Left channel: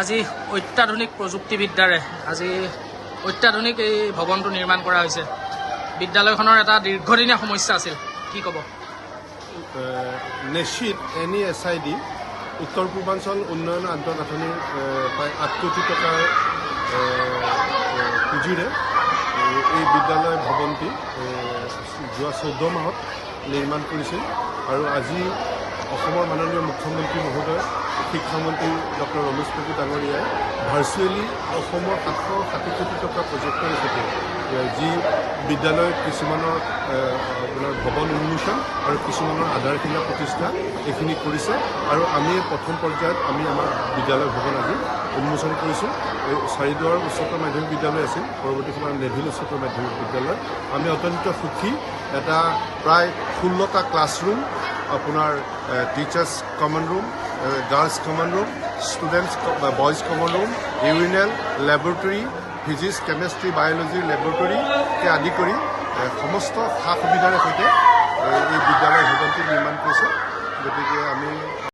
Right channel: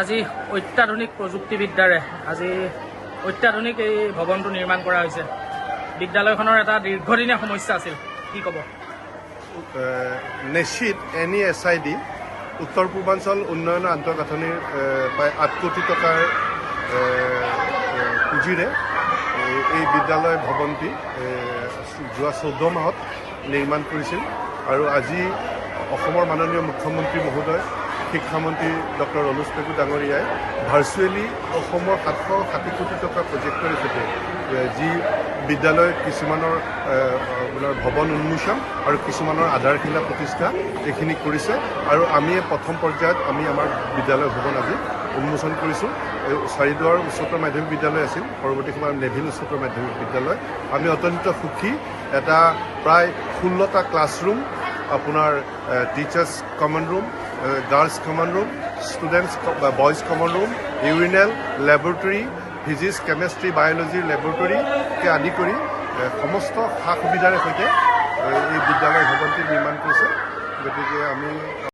আজি অত্যাধুনিক প্ৰযুক্তিবিদ্যাৰে আজি অত্যাধুনিক এই ভৱনটো নিৰ্মাণ কৰা হৈছে। বিদ্যালয়খনৰ এটা দীৰ্ঘদিনীয়া সমস্যা আছিল, কি ক'ব? নিশ্চিত NESID উত্তৰ পূৰ্বাঞ্চল উন্নয়ন আন্তঃগাঁথনিৰ প্ৰায় 8 কোটি টকাৰ পুঁজিৰে এই বিদ্যালয় ভৱনটি যোৱা 14 মাহত নিৰ্মাণ কৰিছিল আৰু আজি অসমৰ মাননীয় মুখ্যমন্ত্ৰী মহোদয় শিক্ষামন্ত্ৰী ডক্টৰ অনুজ পেগু ডাঙৰীয়াই ভাৰ্চুৱেলি অসমৰ 760 কোটি টকাৰ প্ৰজেক্টৰ সৈতে যি বিদ্যালয়ৰ কিছুমানৰ আপোনাৰ ভৱন উন্মোচন আৰু কিছুমানৰ আধাৰশিলা প্ৰতিষ্ঠা এইখিনি কৰিছে আৰু আমি প্ৰথম পৰ্যায়ত আমি আমাৰ বিদ্যালয় ভৱন আজি উন্মোচন কৰিছোঁ। এই চাৰিদুৱাৰ উচ্চতৰ মাধ্যমিক বিদ্যালয় আছিল, পৰৱৰ্তী সময়ত নেভিল উচ্চতৰ মাধ্যমিক বিদ্যালয়। আমি অত্যন্ত সুখী, এটা প্ৰায় 16টা ক্লাছৰুম, আপোনাৰ teachers common room, girls common room, students boys common room, urinal, laboratory, physics, chemistry, বায়'লজিৰ লেবৰেটৰীকে আদি কৰি সমস্ত সা সুবিধাৰে সৈতে এই বিদ্যালয় ভৱনটি নিৰ্মাণ কৰিছে। গতিকে আমি